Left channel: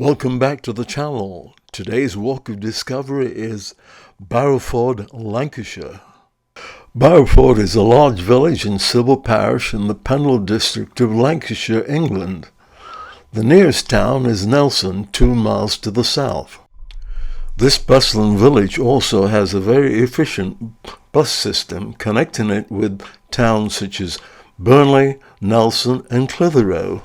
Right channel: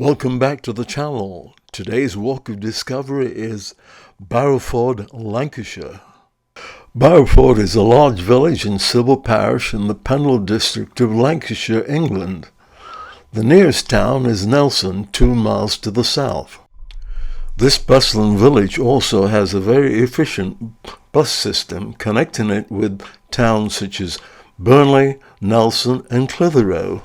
Welcome back to the channel. Today's walk of discovery is Barrowford, Lancashire. Barrowford is a large village and civil parish in the Pendle district of Lancashire, England. The nearest town is Nelson, 2 miles to the south. This bustling village also has a very efficient bus system connecting it with towns such as Burnley, Nelson and Clitheroe.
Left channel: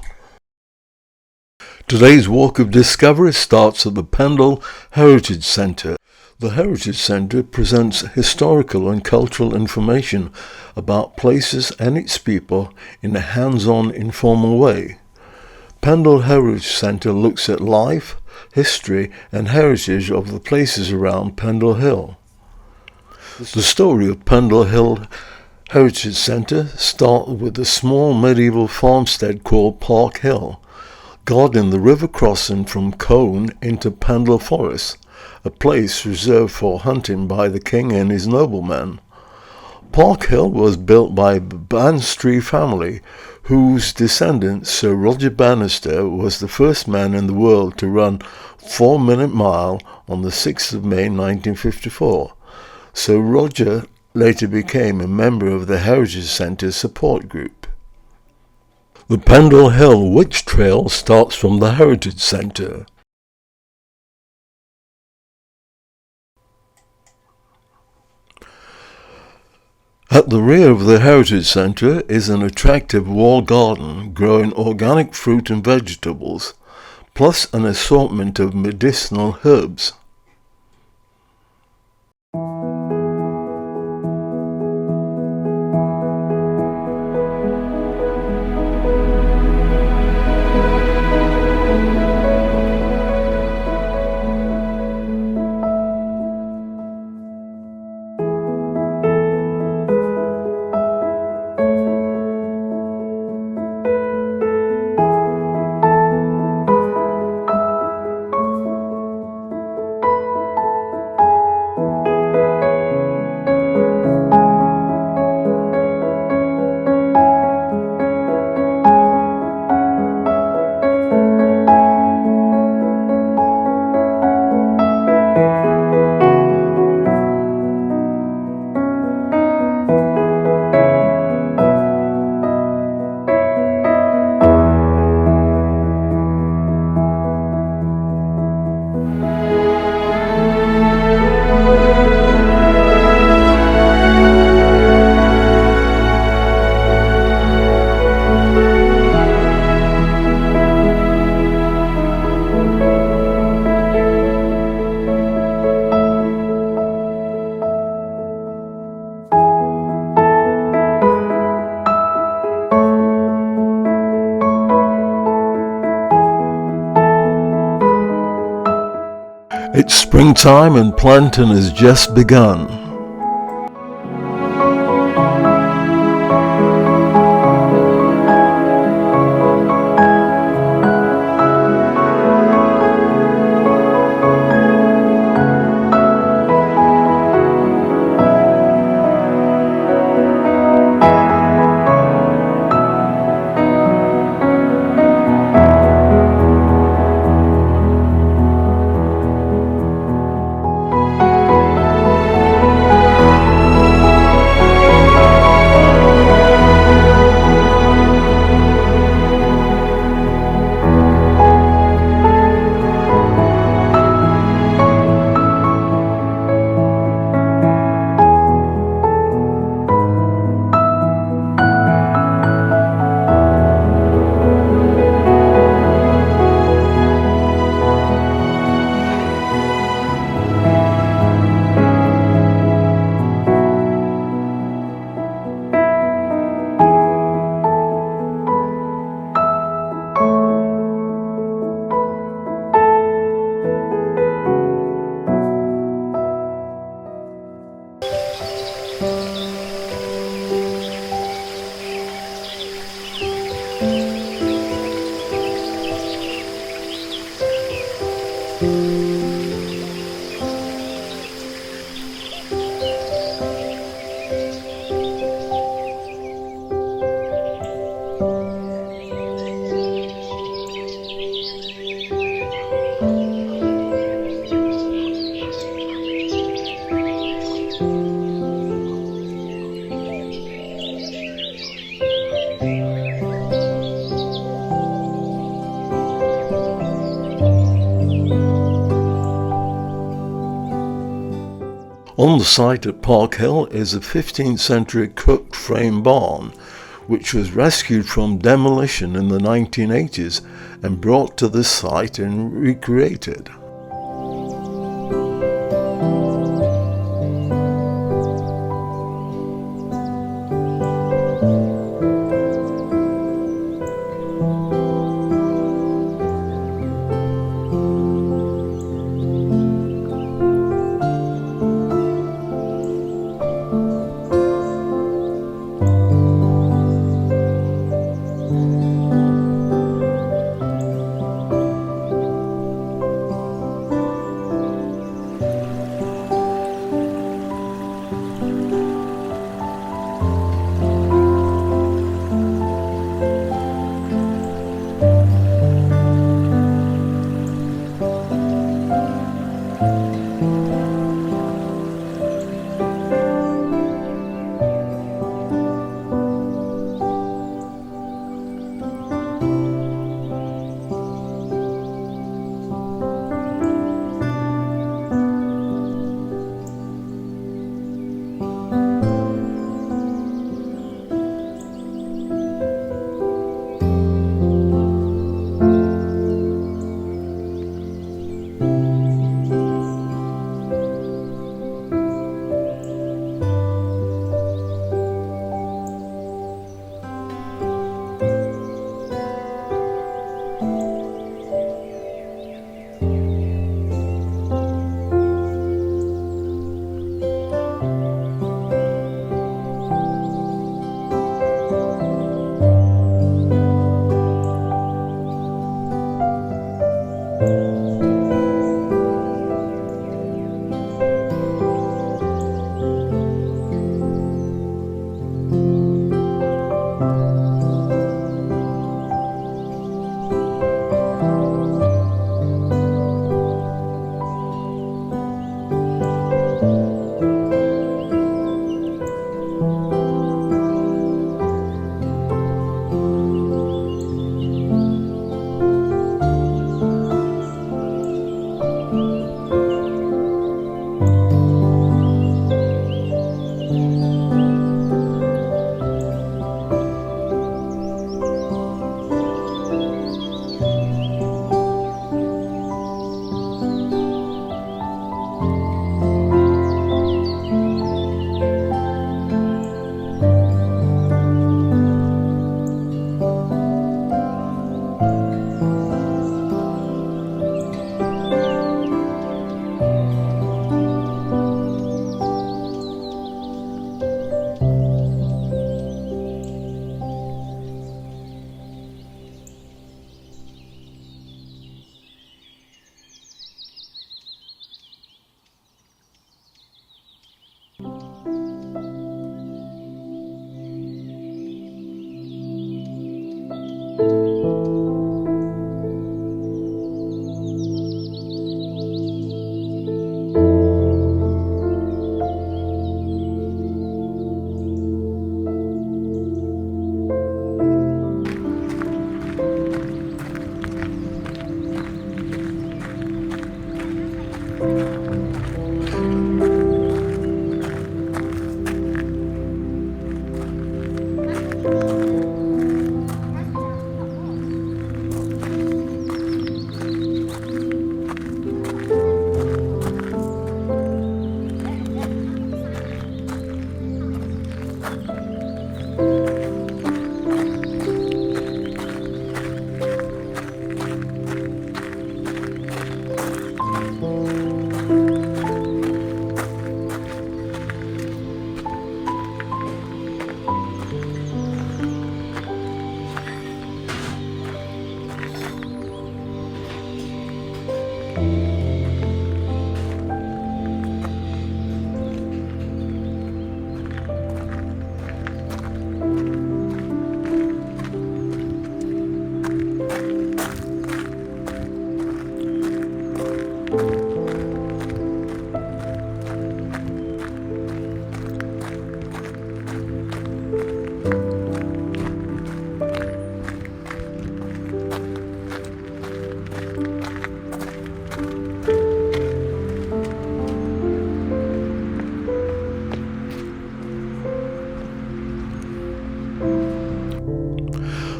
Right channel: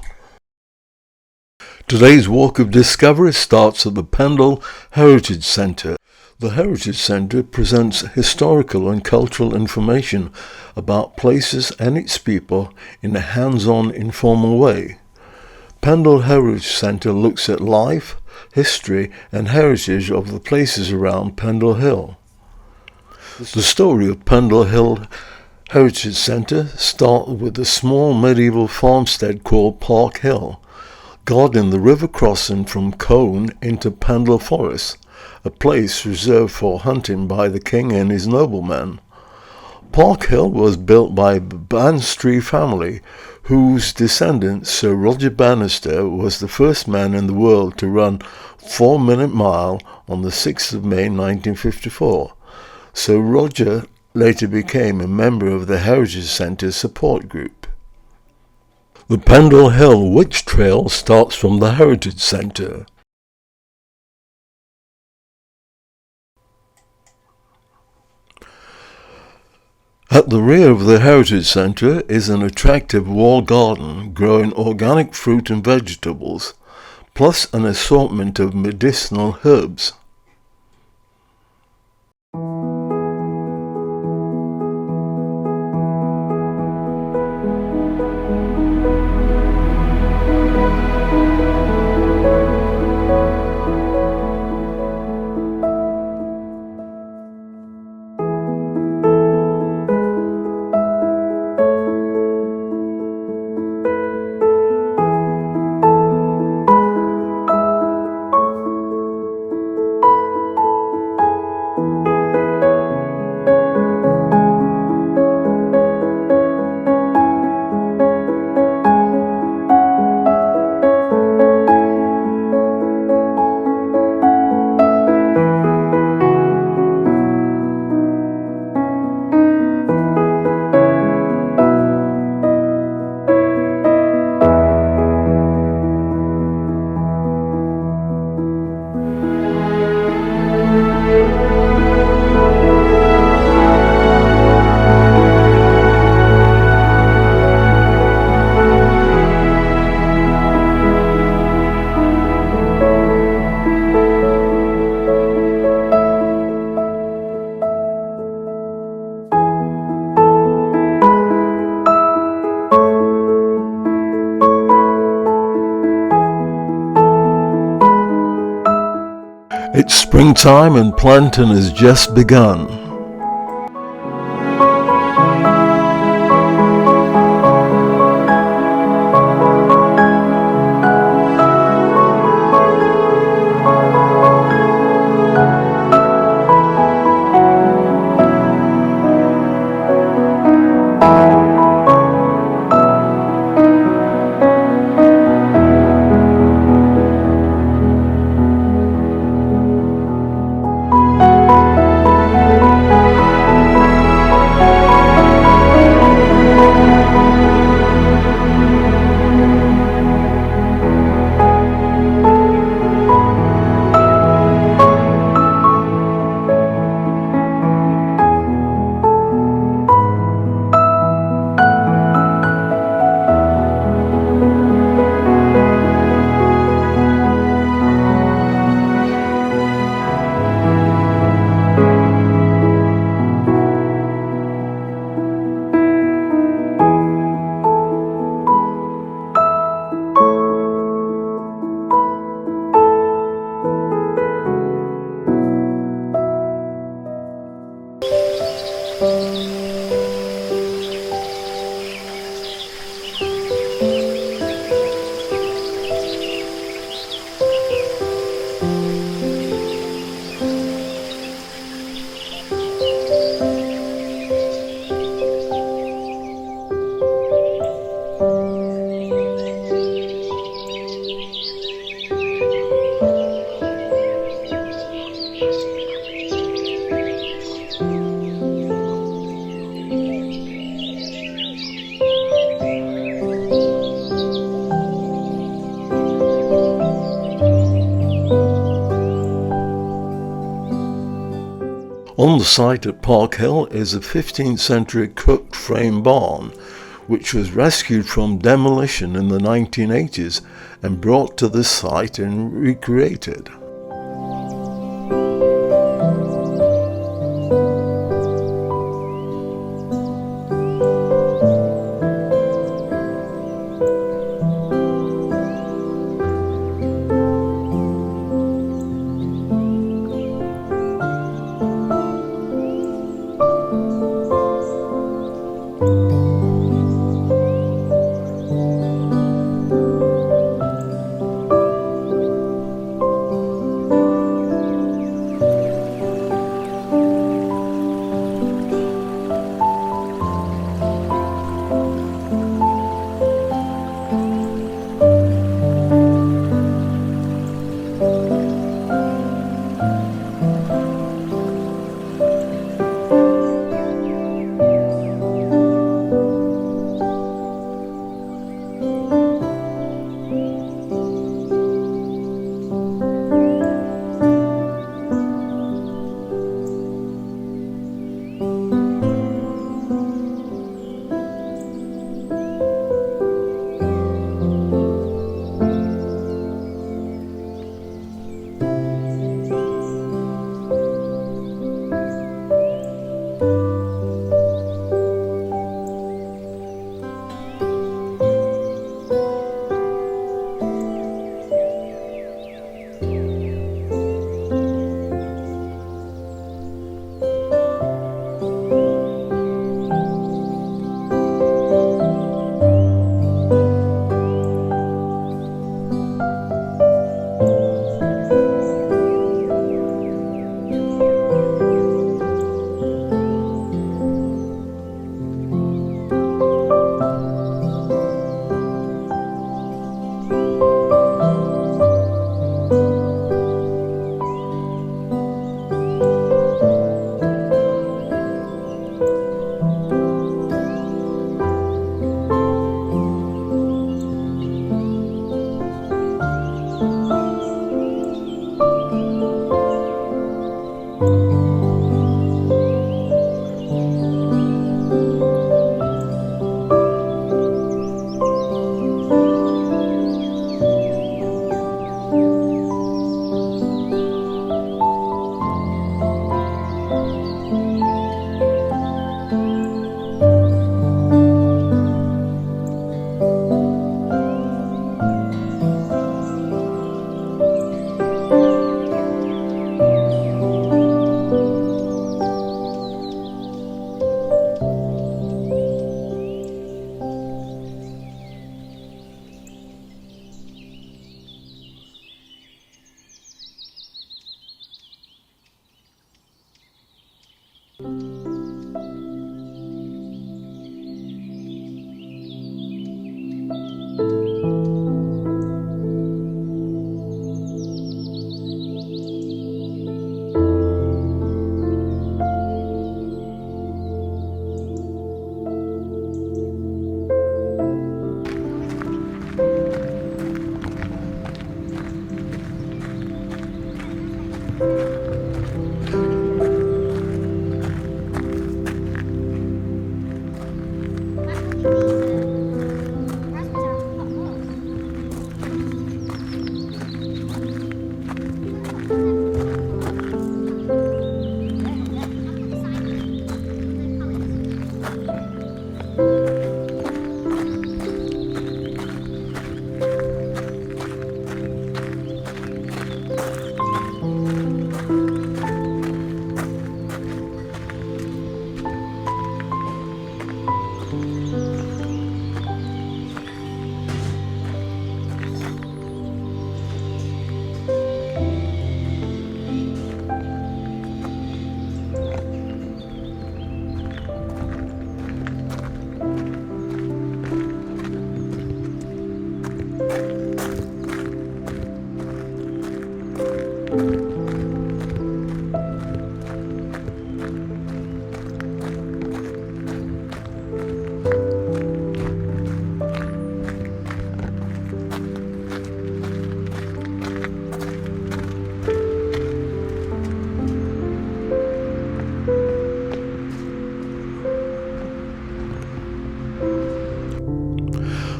Today's walk of discovery starts at the Pendle Heritage Centre. The Heritage Centre presents historical and cultural information about places and its people in a hands-on, informal way. Pendle Heritage Centre looks at life, history and heritage of the places around Pendle Hill. The story of Pendle Hill Heritage Centre starts with a small medieval farmstead called Park Hill, guarding the river crossing from Colne into Pendle Forest, a place reserved for hunting by the king and his noblemen. Park Hill was built by the Bannister family, whose descendant Sir Roger Bannister was the first man in the world to run 4-minute mile on the 6th of May 1954. Sir Roger later became a member of the Heritage Centre support group. The Pendle Hill Witch Trail starts from the Heritage Centre. At the rear of the Heritage Centre is an attractive wall garden growing organic fruit and vegetables, plus an assortment of medicinal herbs. It's springtime and planting has just begun. On the site at Park Hill is a 15th century cooked frame barn, which was rescued from demolition in the 1980s and brought to this site and recreated.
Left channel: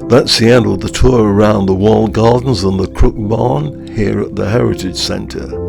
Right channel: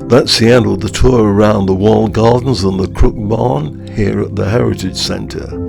That's the end of the tour around the walled gardens and the Crook Barn here at the Heritage Centre.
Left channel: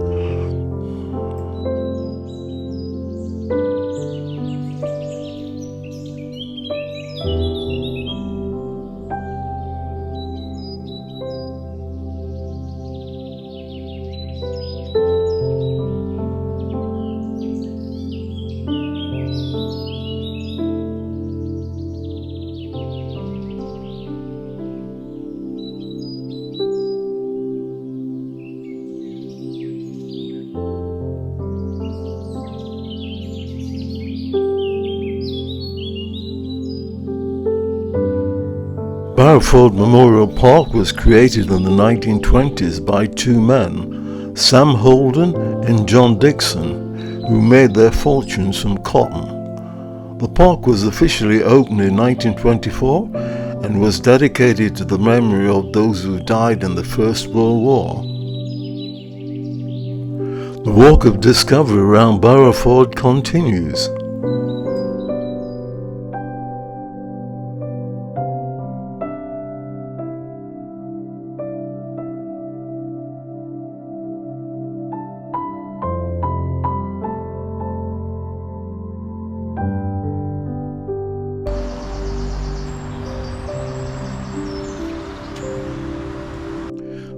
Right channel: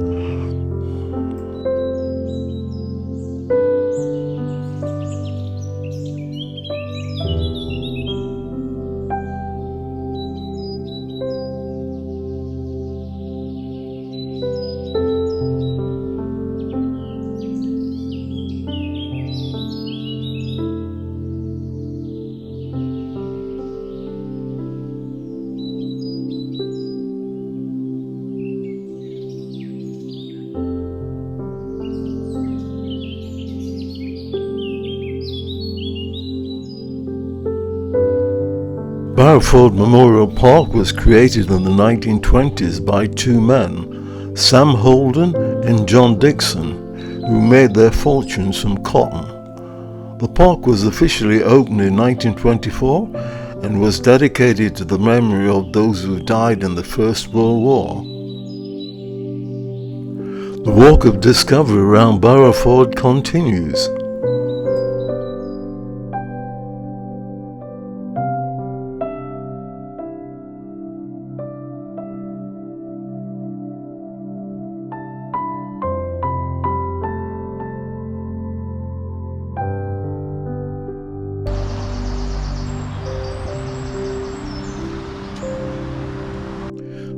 Barrowford Memorial Park was created in the 1920s by two men, Sam Holden and John Dixon, who made their fortunes from cotton. The park was officially opened in 1924 and was dedicated to the memory of those who died in the First World War. The walk of discovery around Barrowford continues.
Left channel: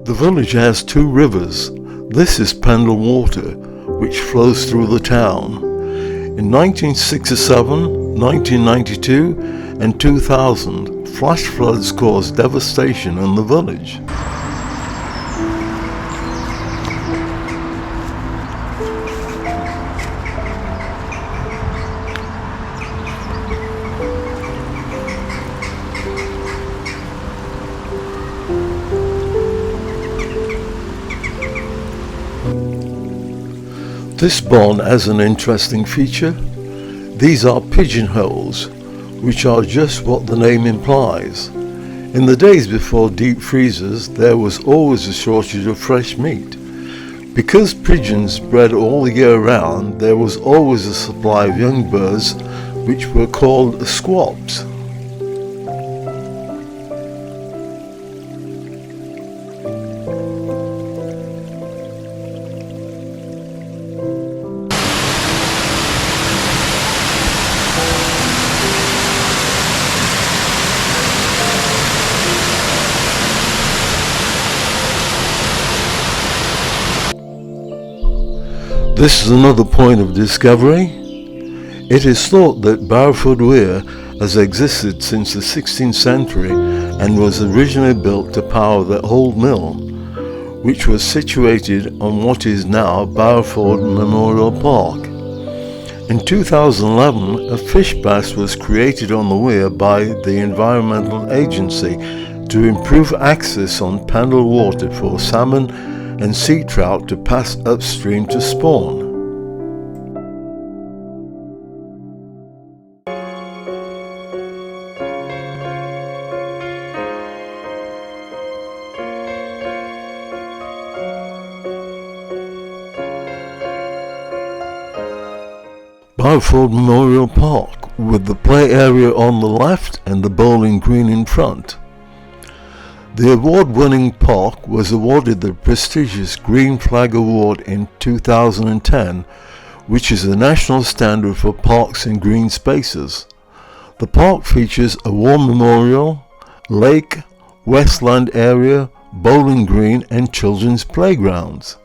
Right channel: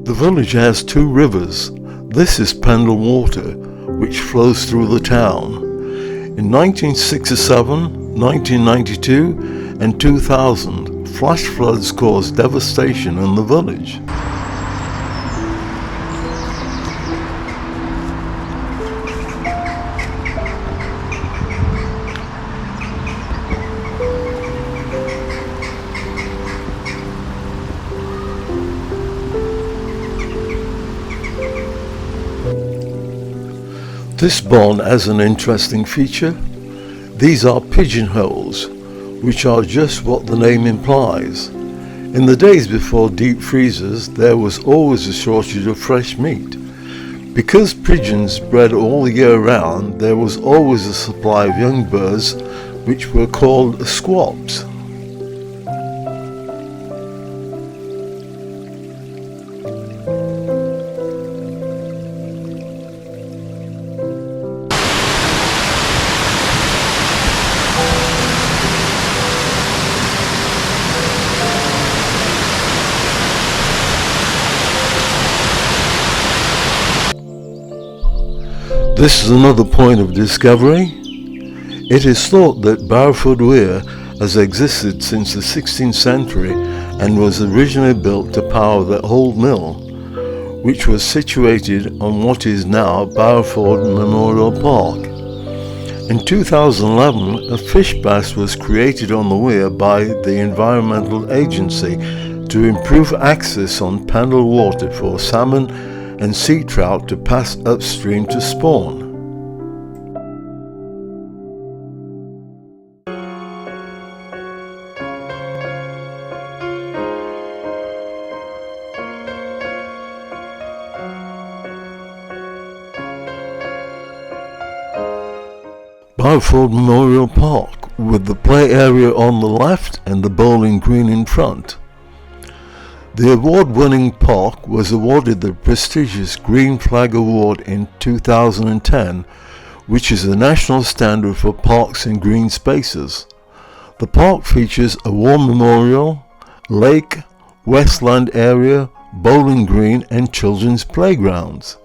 The village has two rivers. This is Pendle Water, which flows through the town. In 1967, 1992 and 2000, flash floods caused devastation in the village. This barn has an interesting feature. These are pigeonholes, which are just what the name implies. In the days before deep freezers, there was always a shortage of fresh meat. Because pigeons bred all the year round, there was always a supply of young birds, which were called squabs. This is another point of discovery. It is thought that Barrowford A has existed since the 16th century and was originally built to power the old mill, which was situated on what is now Barrowford Memorial Park. In 2011, a fish bath was created on the weir by the Environmental Agency to improve access on Pendle water for salmon and sea trout to pass upstream to spawn. Barrowford Memorial Park, with the play area on the left and the bowling green in front. The award-winning park was awarded the prestigious Green Flag Award in 2010, which is the national standard for parks and green spaces. The park features a war memorial, lake, westland area, bowling green and children's playgrounds.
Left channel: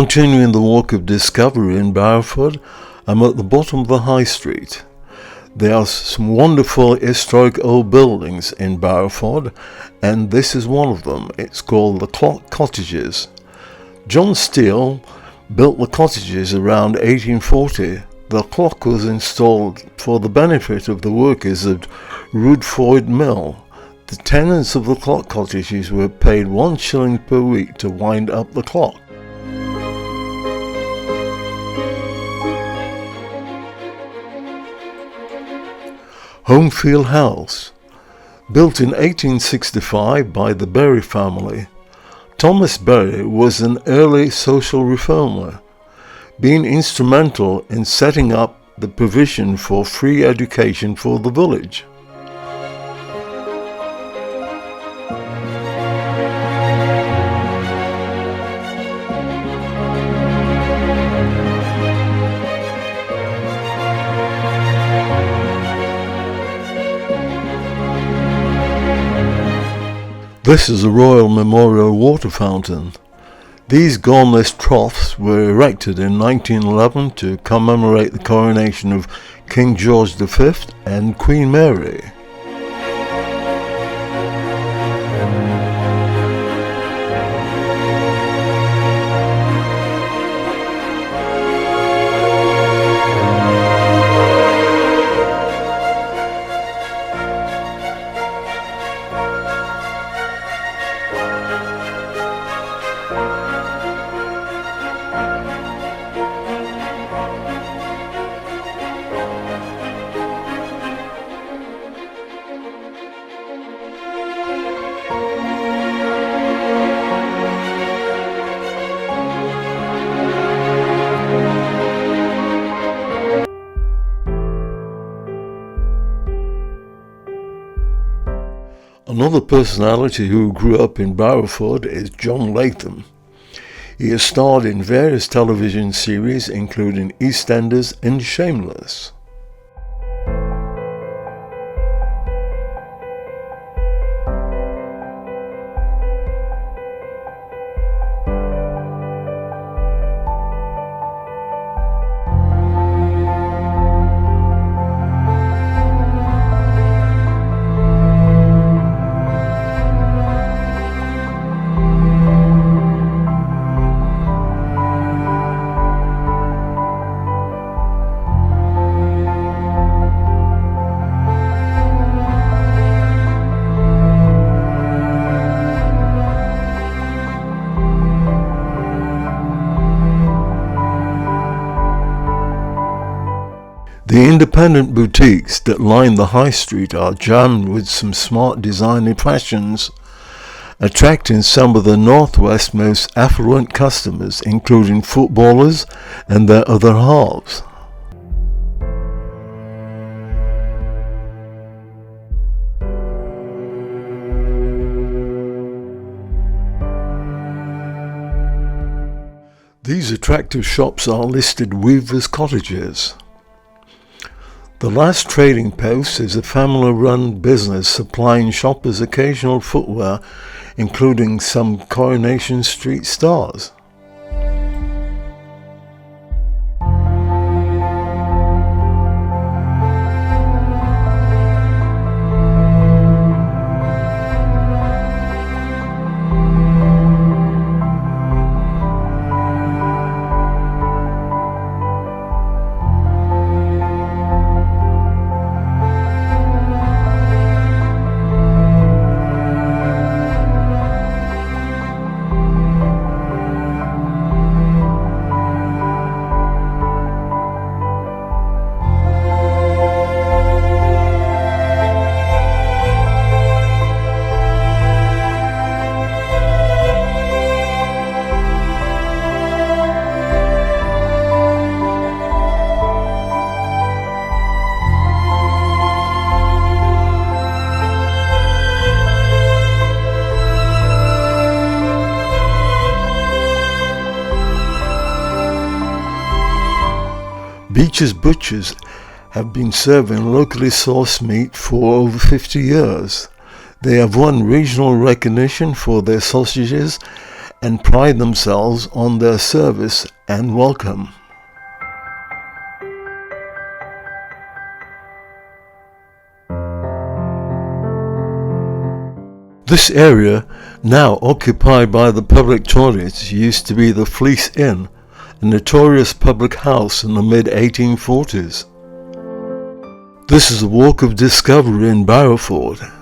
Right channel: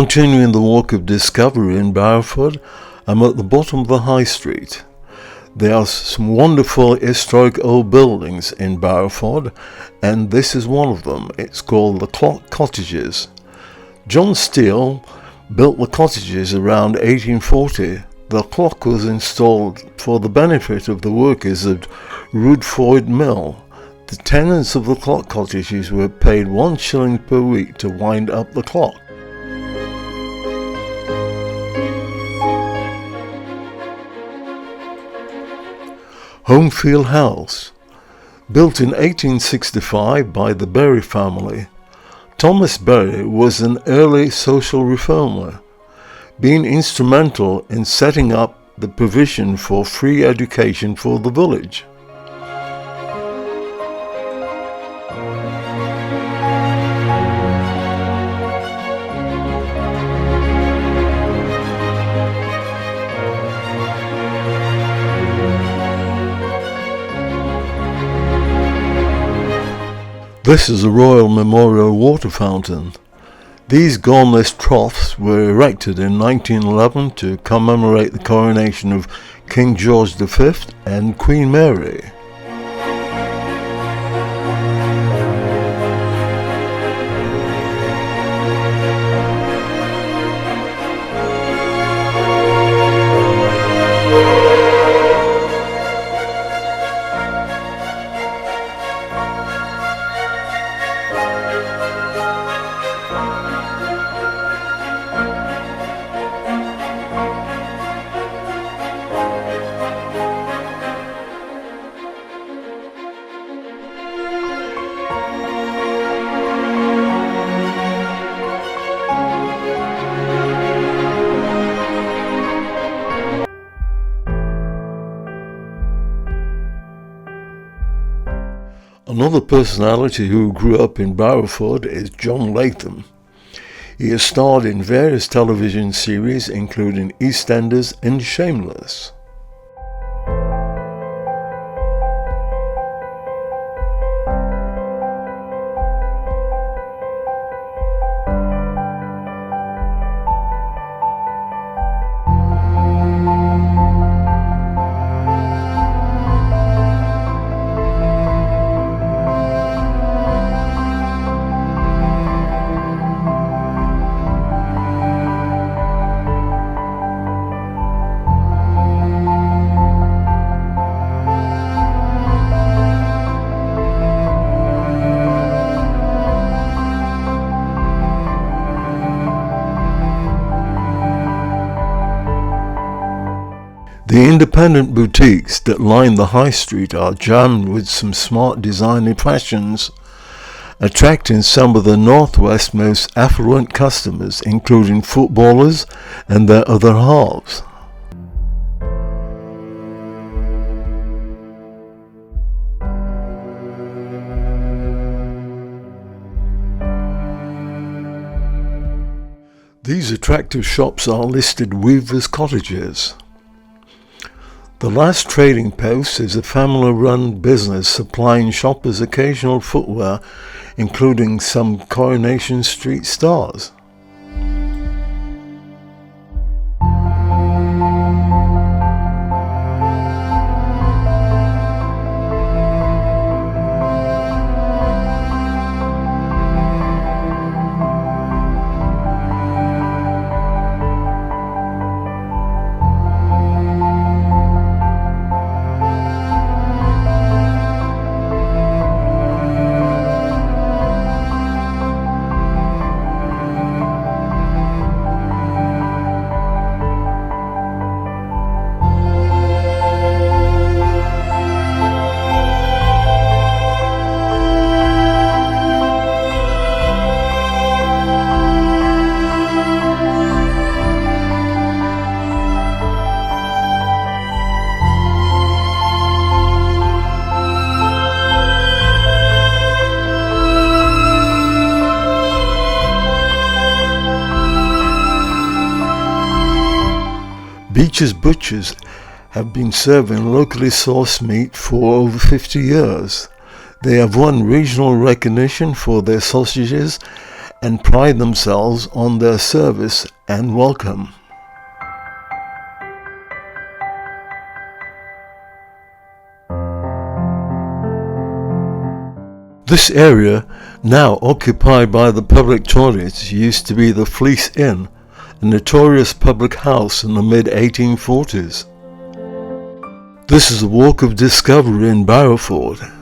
Continuing the walk of discovery in Barrowford, I'm at the bottom of the High Street. There are some wonderful historic old buildings in Barrowford, and this is one of them. It's called the Cottages. John Steele built the cottages around 1840. The clock was installed for the benefit of the workers at Higherford Mill. The tenants of the clock cottages were paid 1 shilling per week to wind up the clock. Homefield House, built in 1865 by the Berry family. Thomas Berry was an early social reformer, being instrumental in setting up the provision for free education for the village. This is a Royal Memorial water fountain. These gormless troughs were erected in 1911 to commemorate the coronation of King George V and Queen Mary. Another personality who grew up in Barrowford is John Latham. He has starred in various television series including EastEnders and Shameless. The independent boutiques that line the high street are jammed with some smart designer fashions, attracting some of the Northwest's most affluent customers, including footballers and their other halves. These attractive shops are listed weavers' cottages. The last trading post is a family-run business supplying shoppers occasional footwear, including some Coronation Street stars. Beach's Butchers have been serving locally sourced meat for over 50 years. They have won regional recognition for their sausages and pride themselves on their service and welcome. This area, now occupied by the public toilets, used to be the Fleece Inn, a notorious public house in the mid-1840s. This is a walk of discovery in Barrowford.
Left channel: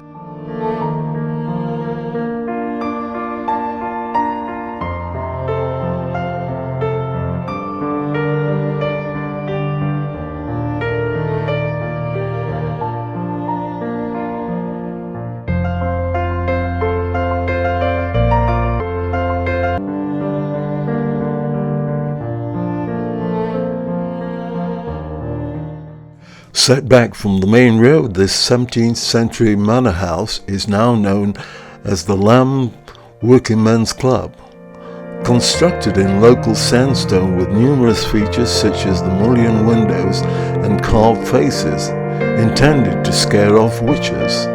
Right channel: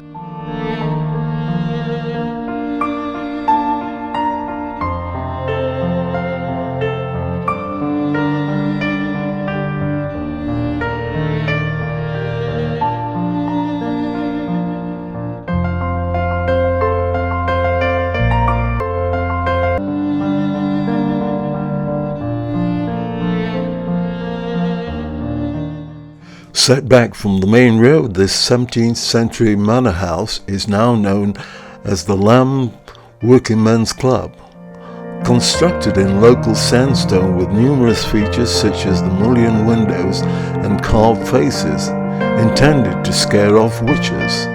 Set back from the main road, this 17th century manor house is now known as the Lamb Working Men's Club. Constructed in local sandstone with numerous features such as the mullioned windows and carved faces, intended to scare off witches.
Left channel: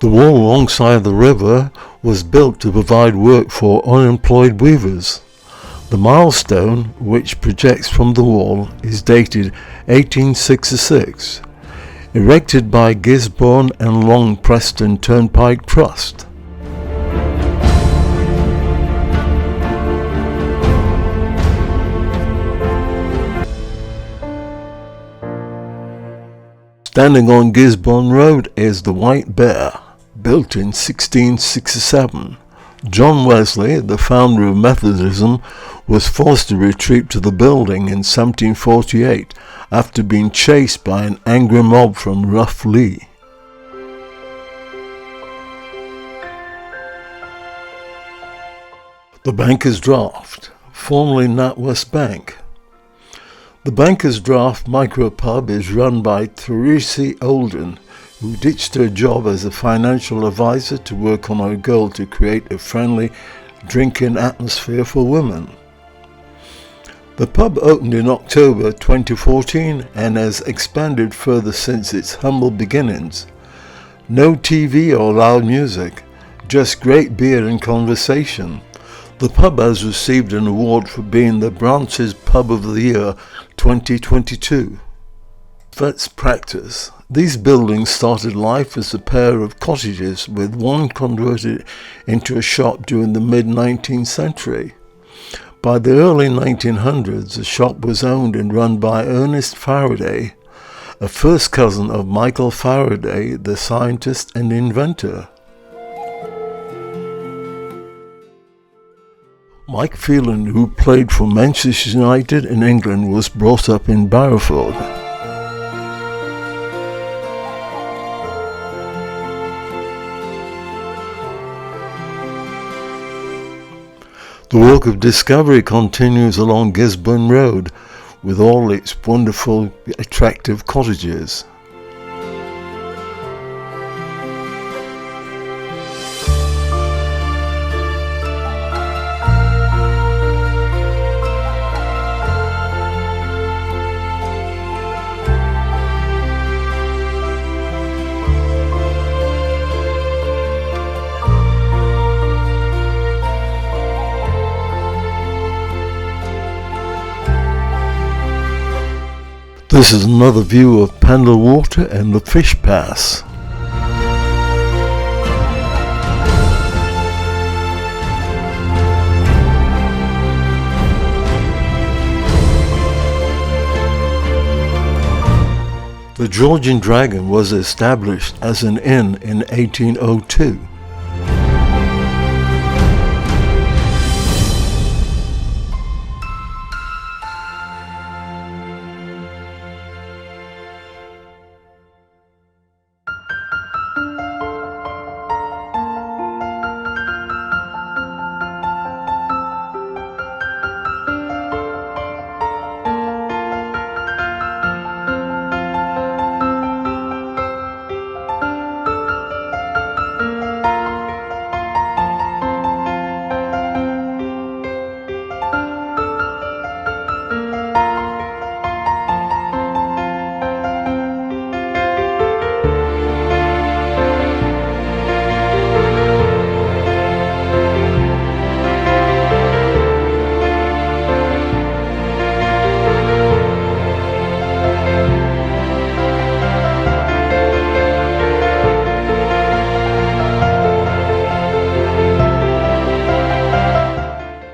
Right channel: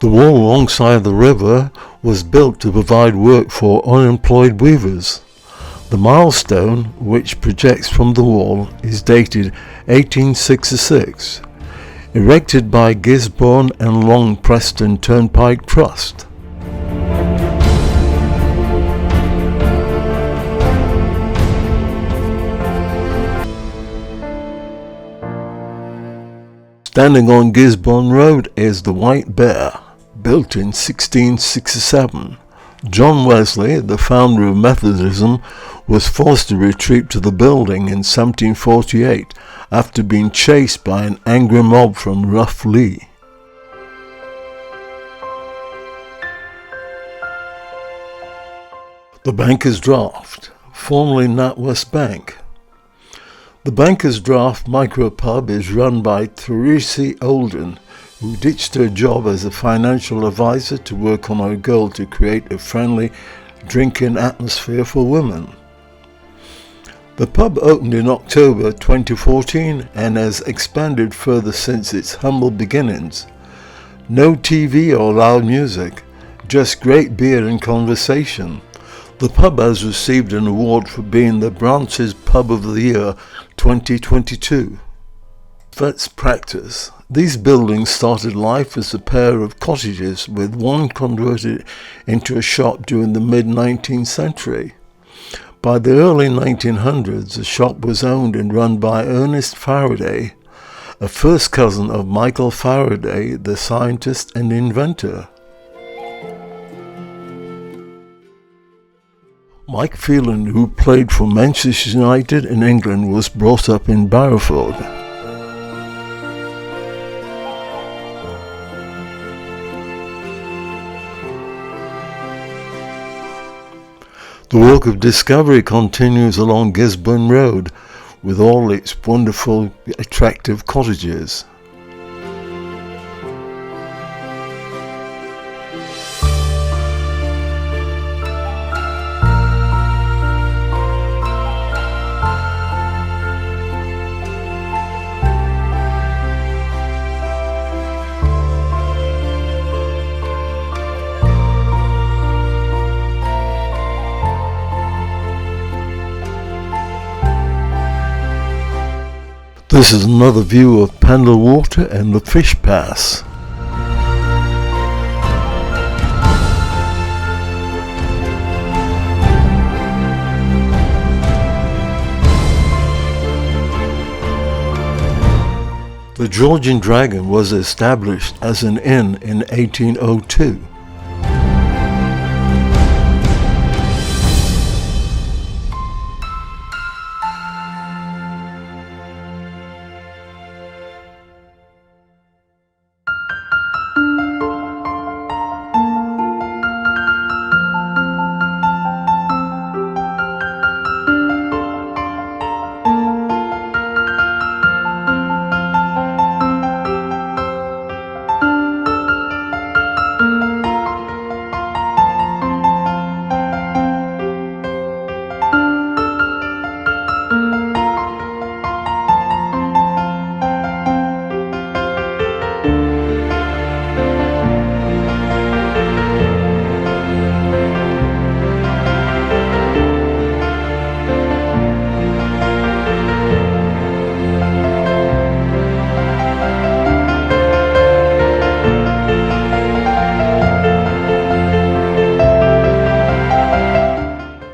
The wall alongside the river was built to provide work for unemployed weavers. The milestone, which projects from the wall, is dated 1866, erected by Gisburn and Long Preston Turnpike Trust. Standing on Gisburn Road is the White Bear, built in 1667. John Wesley, the founder of Methodism, was forced to retreat to the building in 1748 after being chased by an angry mob from Rough Lee. The Banker's Draft, formerly NatWest Bank. The Banker's Draft micropub is run by Therese Olden, who ditched her job as a financial advisor to work on her goal to create a friendly drinking atmosphere for women. The pub opened in October 2014 and has expanded further since its humble beginnings. No TV or loud music, just great beer and conversation. The pub has received an award for being the branch's Pub of the Year 2022. Let's practice. These buildings started life as a pair of cottages, with one converted into a shop during the mid-19th century. By the early 1900s, the shop was owned and run by Ernest Faraday, a first cousin of Michael Faraday, the scientist and inventor. Mike Phelan, who played for Manchester United in England, was brought up in Barrowford. The walk of discovery continues along Gisburn Road, with all its wonderful, attractive cottages. This is another view of Pendle Water and the Fish Pass. The Georgian Dragon was established as an inn in 1802.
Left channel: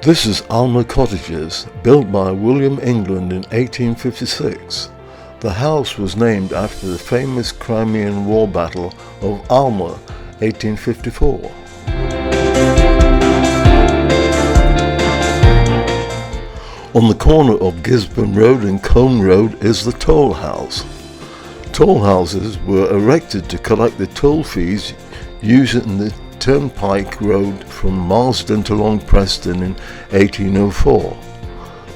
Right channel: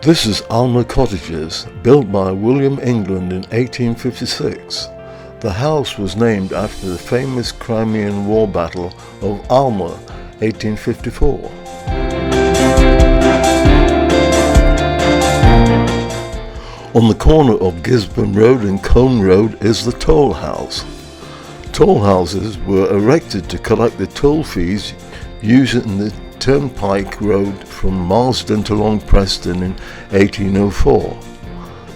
This is Alma Cottages, built by William England in 1856. The house was named after the famous Crimean War Battle of Alma, 1854. On the corner of Gisburn Road and Combe Road is the toll house. Toll houses were erected to collect the toll fees used in the Turnpike Road from Marsden to Long Preston in 1804.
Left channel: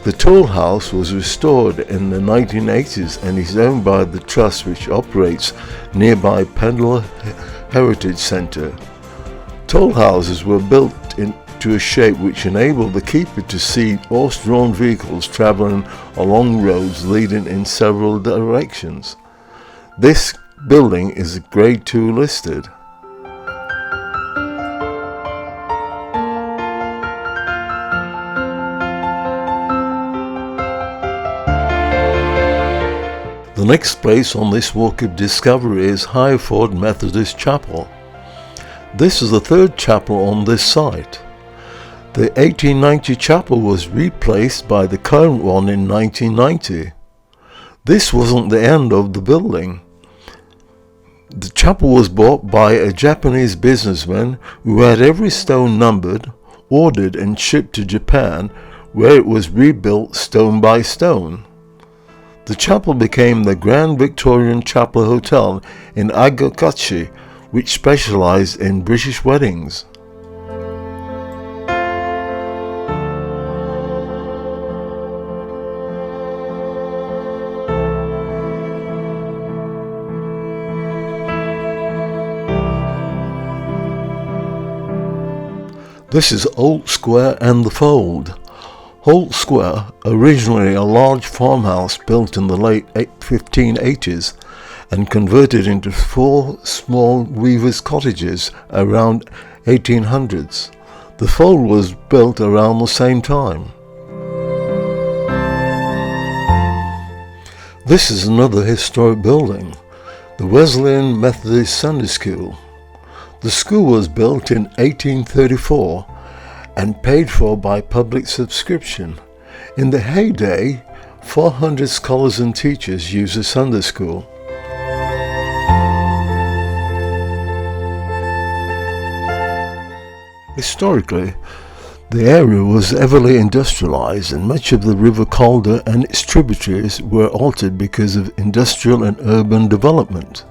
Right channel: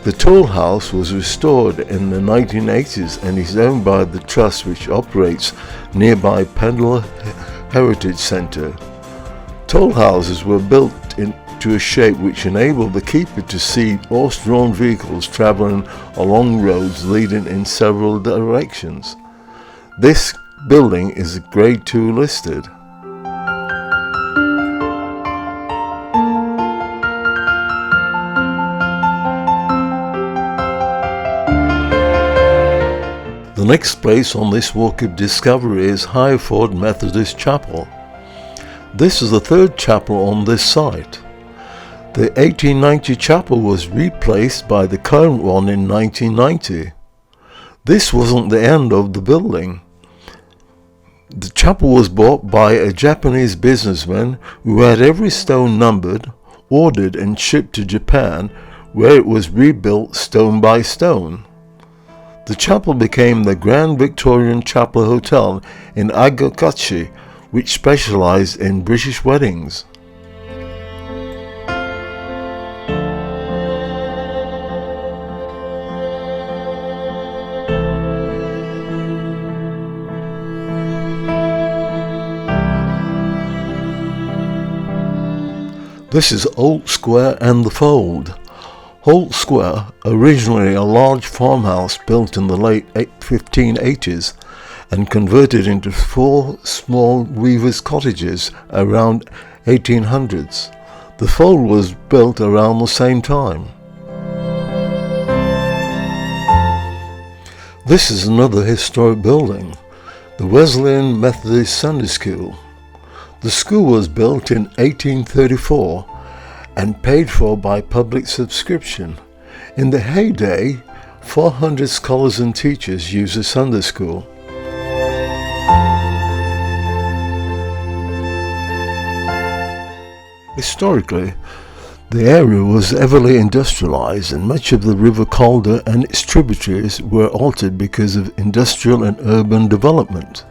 The toll house was restored in the 1980s and is owned by the trust which operates nearby Pendle Heritage Centre. Toll houses were built into a shape which enabled the keeper to see horse-drawn vehicles travelling along roads leading in several directions. This building is Grade 2 listed. The next place on this walk of discovery is Higherford Methodist Chapel. This is the third chapel on this site. The 1890 chapel was replaced by the current one in 1990. This wasn't the end of the building. The chapel was bought by a Japanese businessman who had every stone numbered, ordered and shipped to Japan, where it was rebuilt stone by stone. The chapel became the Grand Victorian Chapel Hotel in Agakochi, which specialised in British weddings. This is Holt Square and the Fold. Holt Square, originally a large farmhouse built in the late 1580s and converted into 4 small weavers' cottages around 1800s. The Fold was built around the same time. This is another historic building. the Wesleyan Methodist Sunday School. The school was built in 1834 and paid for by public subscription. In the heyday, 400 scholars and teachers used the Sunday school. Historically, the area was heavily industrialized, and much of the River Calder and its tributaries were altered because of industrial and urban development.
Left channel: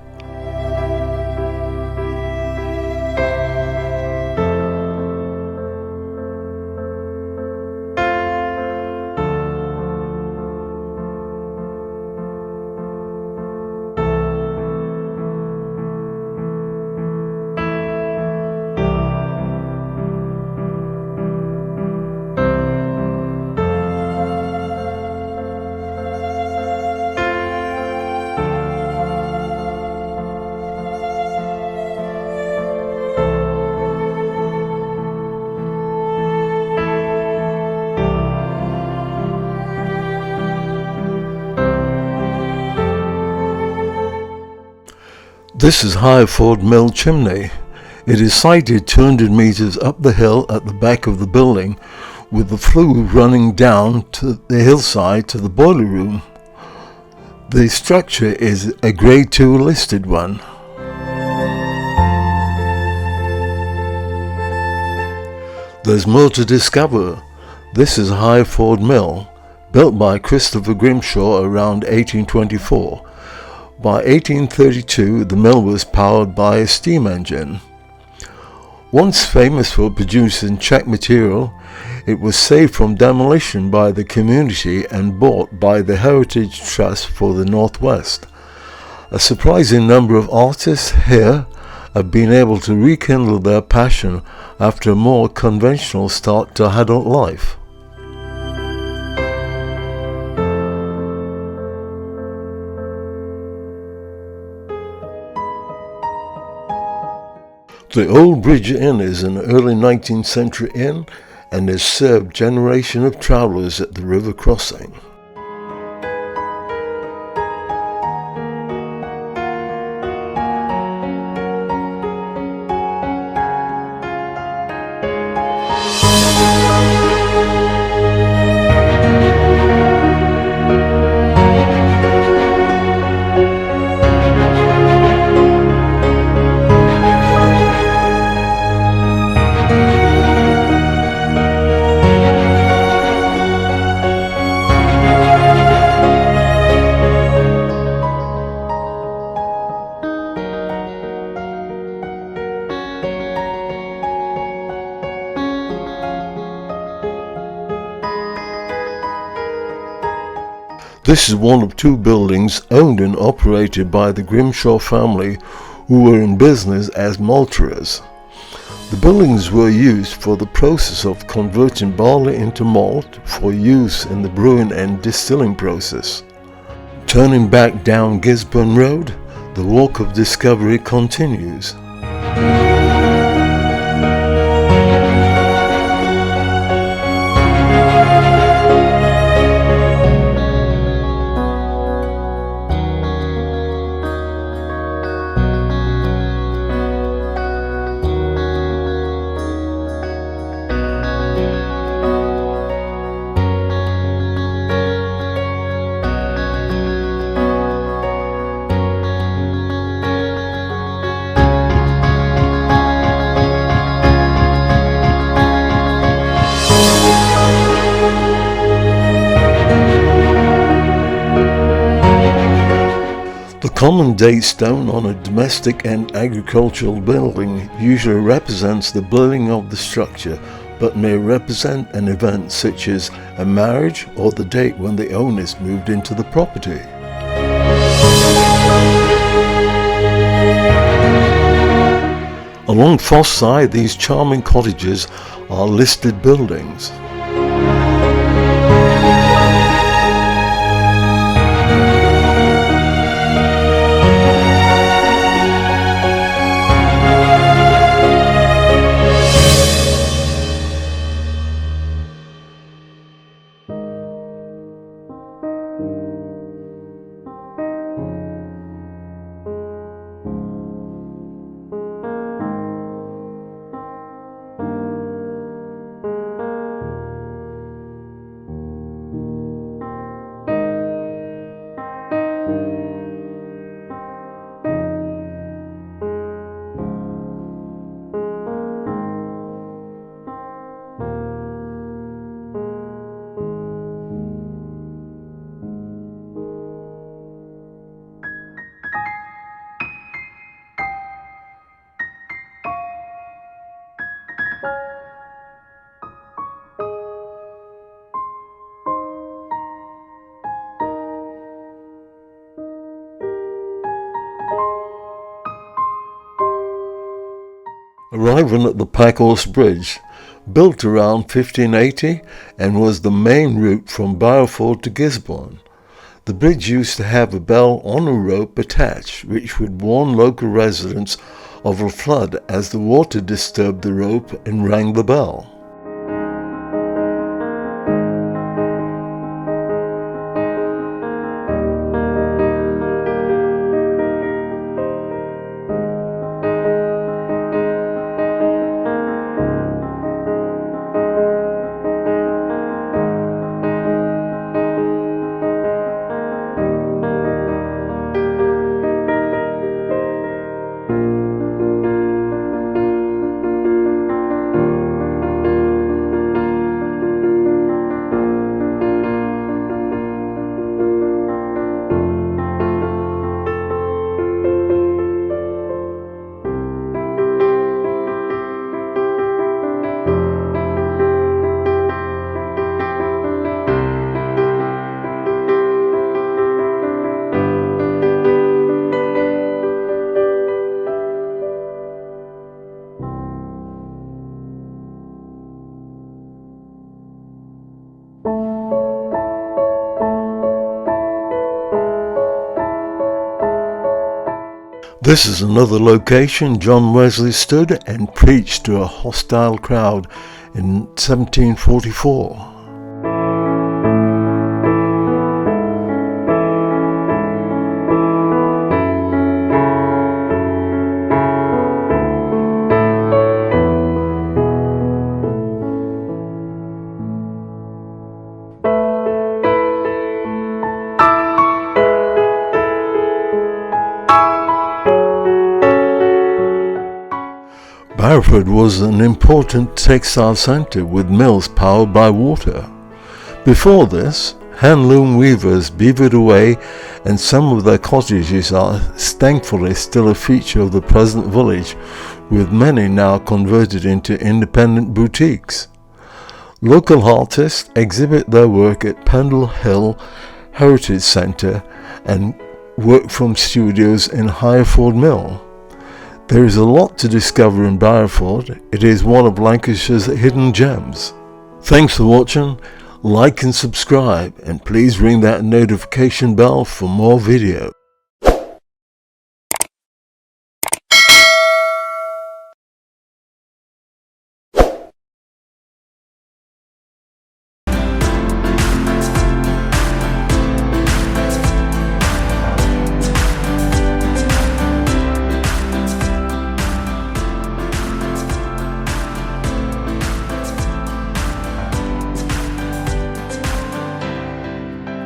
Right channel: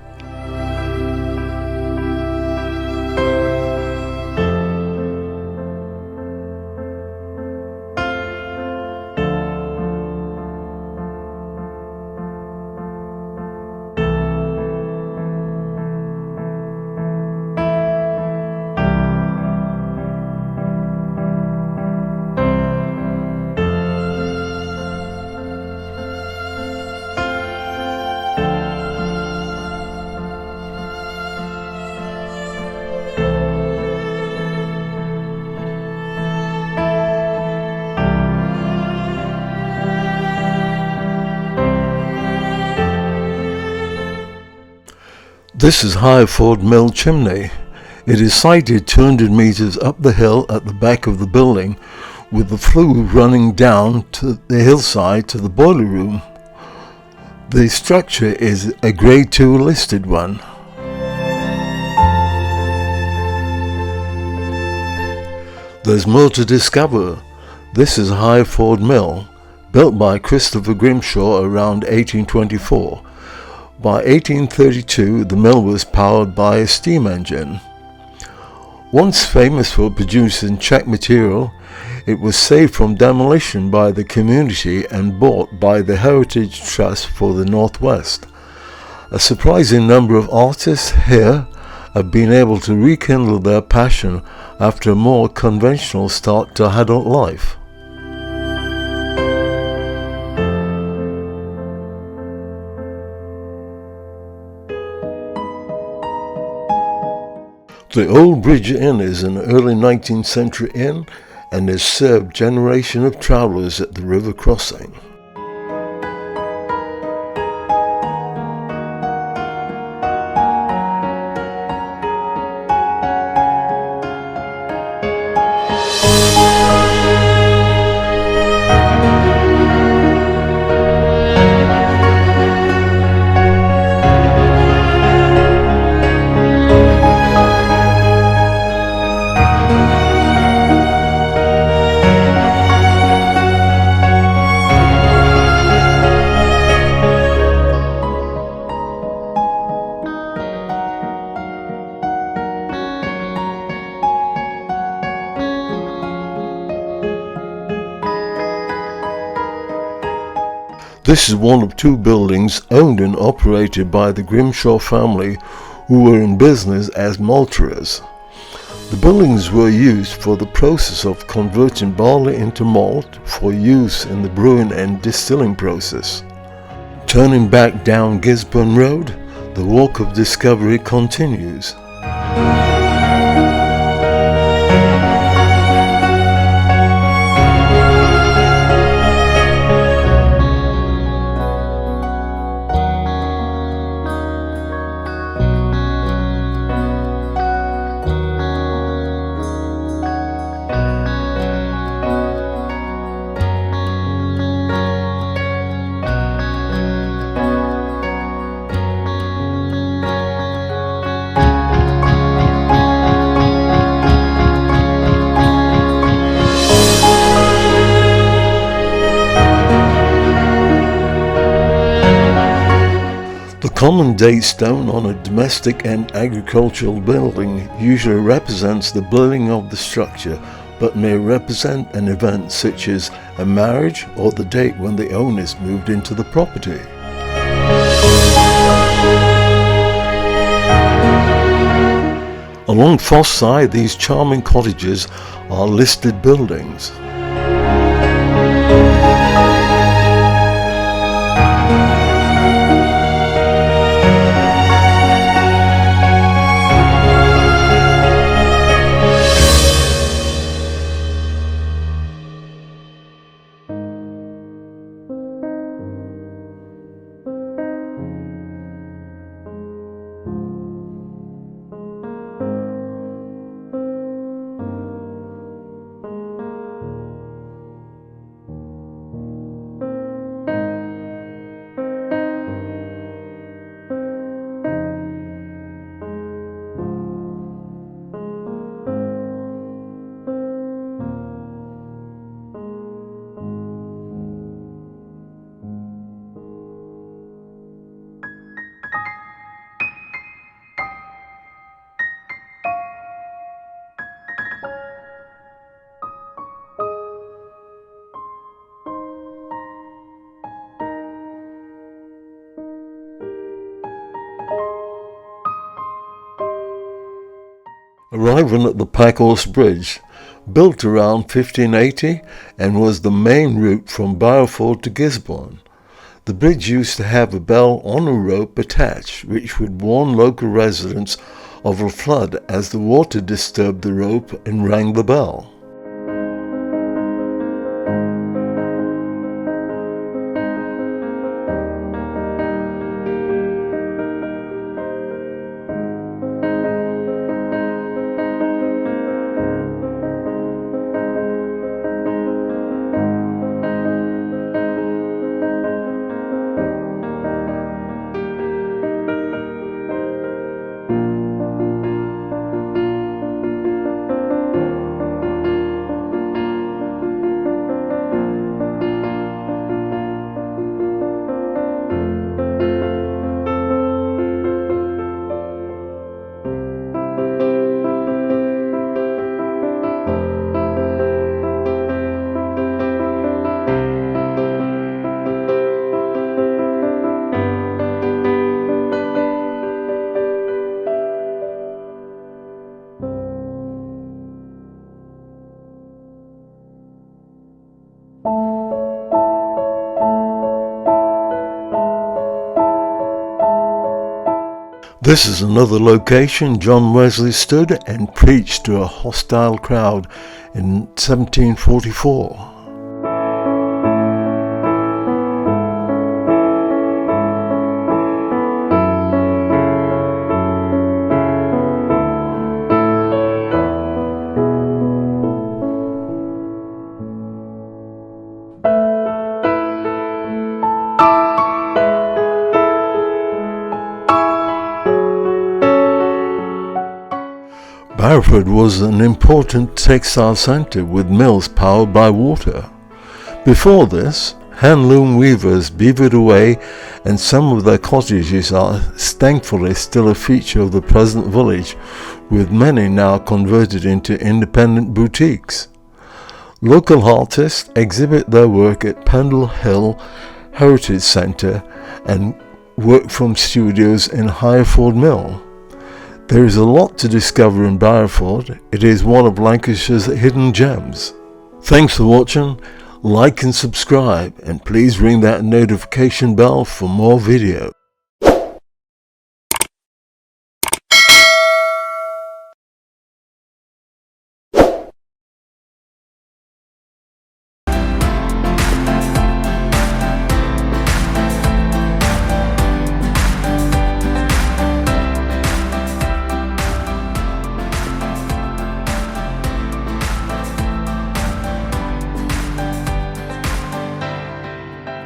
This is Higherford Mill chimney. It is sited 200 metres up the hill at the back of the building, with the flue running down to the hillside to the boiler room. The structure is a Grade 2 listed one. There's more to discover. This is Higherford Mill, built by Christopher Grimshaw around 1824. By 1832, the mill was powered by a steam engine. Once famous for producing check material, it was saved from demolition by the community and bought by the Heritage Trust for the Northwest. A surprising number of artists here have been able to rekindle their passion after a more conventional start to adult life. The Old Bridge Inn is an early 19th century inn and has served generations of travellers at the river crossing. This is one of two buildings owned and operated by the Grimshaw family, who were in business as malterers. The buildings were used for the process of converting barley into malt for use in the brewing and distilling process. Turning back down Gisburn Road, the walk of discovery continues. The common date stone on a domestic and agricultural building usually represents the building of the structure, but may represent an event such as a marriage or the date when the owners moved into the property. Along Foss Side, these charming cottages are listed buildings. Arriving at the Packhorse Bridge, built around 1580 and was the main route from Barrowford to Gisburn. The bridge used to have a bell on a rope attached, which would warn local residents of a flood as the water disturbed the rope and rang the bell. This is another location John Wesley stood and preached to a hostile crowd in 1744. Barrowford was an important textile centre with mills powered by water. Before this, handloom weavers beavered away, and some of their cottages are thankfully still a feature of the present village, with many now converted into independent boutiques. Local artists exhibit their work at Pendle Heritage Centre and work from studios in Higherford Mill. There is a lot to discover in Barrowford. It is one of Lancashire's hidden gems. Thanks for watching. Like and subscribe, and please ring that notification bell for more videos.